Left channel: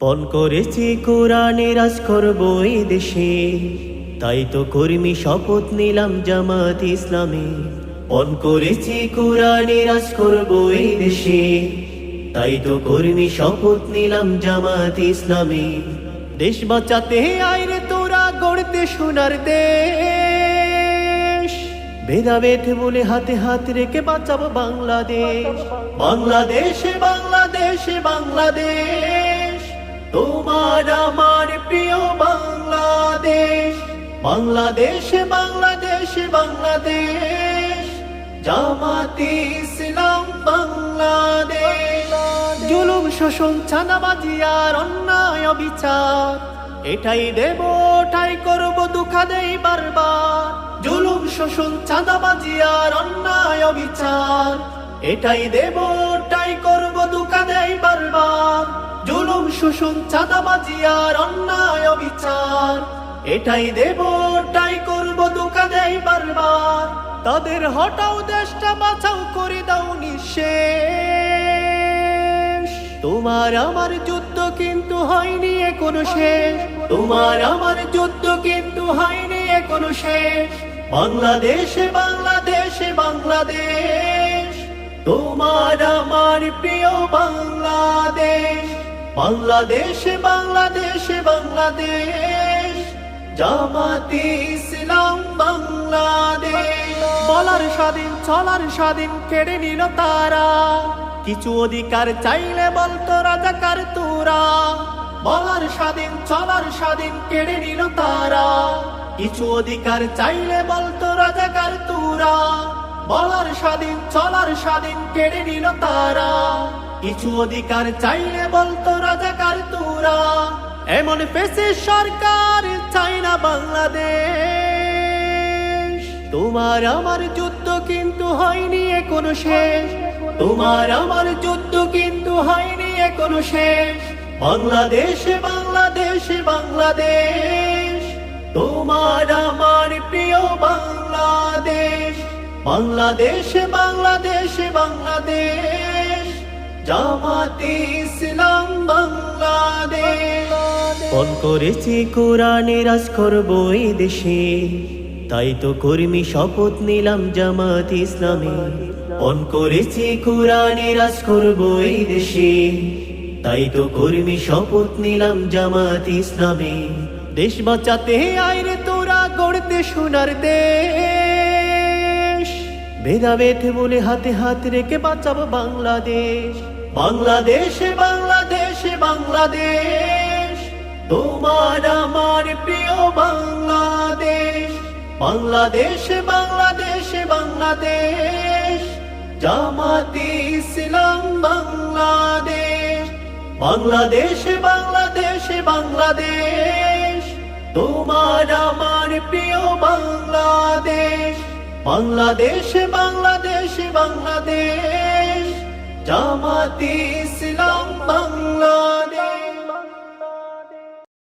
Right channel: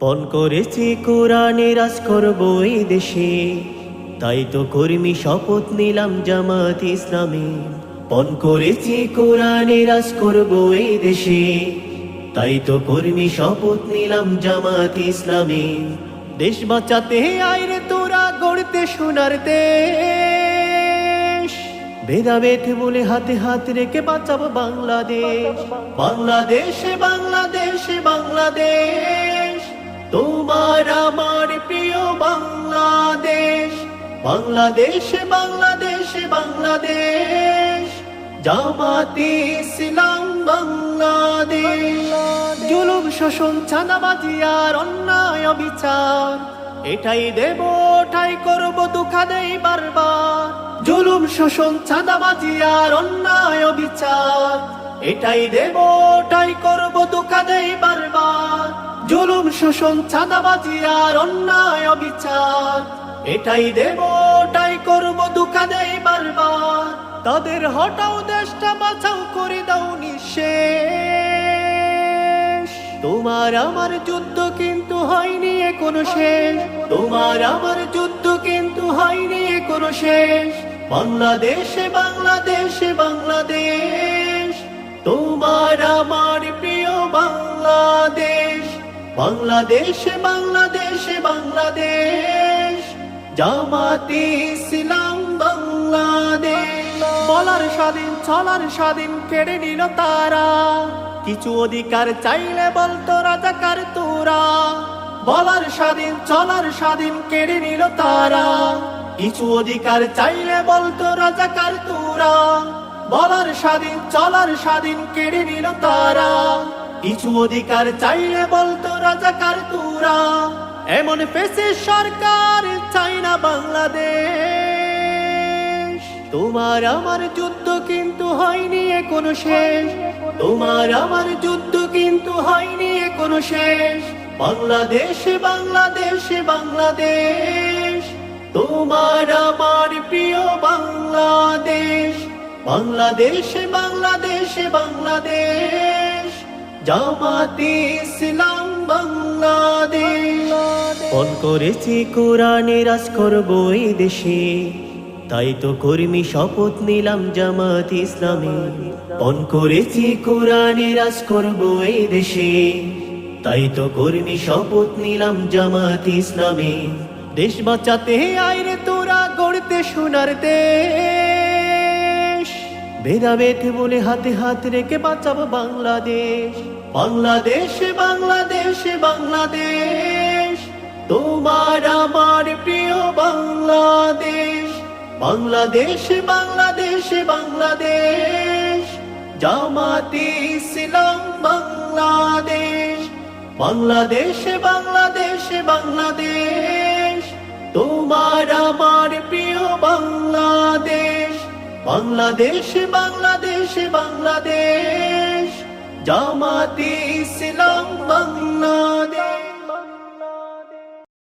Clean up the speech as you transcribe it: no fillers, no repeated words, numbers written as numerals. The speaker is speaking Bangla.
পণ করেছি কোরআনে রাজ করব এই দেশে, তাই তো কর্মী শপথ নিলাম জামাত ইসলামে। পণ করেছি কোরআনে রাজ করব এই দেশে, তাই তো কর্মী শপথ নিলাম জামাত ইসলামে। দেশ বাঁচাতে আইরে তোরা গড়তে সোনার দেশ, ভেদাভেদ বলে হাতে হাত রেখে বাঁচাবো বাংলাদেশ। বাংলাদেশে বাংলাদেশে বাংলাদেশ, তোমার আমার প্রিয় বাংলাদেশ। বাংলাদেশে বাংলাদেশে বাংলাদেশ, জামাতে ইসলাম বাংলাদেশ। জুলুম শোষণ চাঁদাবাজি আর অন্যায় অবিচার, এটাই দেব ওটাই করব দুঃখা দেই বারবার। জুলুম শোষণ চাঁদাবাজি আর অন্যায় অবিচার, এটাই দেব ওটাই করব দুঃখা দেই বারবার। জুলুম শোষণ চাঁদাবাজি আর অন্যায় অবিচার, এটাই দেব ওটাই করব দুঃখা দেই বারবার। তাদের হটাও দেশটা বাঁচাও করে দাও নিঃশেষ। তোমার আমার যুদ্ধ কিন্তু হয়নি এখনো শেষ, তোমার আমার যুদ্ধ কিন্তু হয়নি এখনো শেষ। বাংলাদেশে বাংলাদেশে বাংলাদেশ, তোমার আমার প্রিয় বাংলাদেশ। বাংলাদেশে বাংলাদেশে বাংলাদেশ, জামাতে ইসলাম বাংলাদেশ। বলার স্বাধীন চলার স্বাধীন কেড়ে নিল তারা, কিছু অধিকার চাইলে বলতো রাজাকার তোরা। বলার স্বাধীন চলার স্বাধীন কেড়ে নিল তারা, কিছু অধিকার চাইলে বলতো রাজাকার তোরা। বলার স্বাধীন চলার স্বাধীন কেড়ে নিল তারা, কিছু অধিকার চাইলে বলতো রাজাকার তোরা। এমন ফেসে সরকার চাই না বাংলাদেশ। তোমার আমার যুদ্ধ কিন্তু হয়নি এখনো শেষ, তোমার আমার যুদ্ধ কিন্তু হয়নি এখনো শেষ। বাংলাদেশে বাংলাদেশে বাংলাদেশ, তোমার আমার প্রিয় বাংলাদেশ। বাংলাদেশে বাংলাদেশে বাংলাদেশ, জামাতে ইসলাম বাংলাদেশ। পণ করেছি কোরআনে রাজ করব এই দেশে, তাই তো কর্মী শপথ নিলাম জামাত ইসলামে। পণ করেছি কোরআনে রাজ করব এই দেশে, তাই তো কর্মী শপথ নিলাম জামাত ইসলামে। দেশ বাঁচাতে আইরে তোরা গড়তে সোনার দেশ, ভেদাভেদ বলে হাতে হাত রেখে বাঁচাবো বাংলাদেশ। বাংলাদেশে বাংলাদেশে বাংলাদেশ, তোমার আমার প্রিয় বাংলাদেশ। বাংলাদেশে বাংলাদেশে বাংলাদেশ, জামাতে ইসলাম বাংলাদেশ। বাংলাদেশে বাংলাদেশে বাংলাদেশ, তোমার আমার প্রিয় বাংলাদেশ। বাংলাদেশে বাংলাদেশে বাংলাদেশ, জামাতে ইসলাম বাংলাদেশ।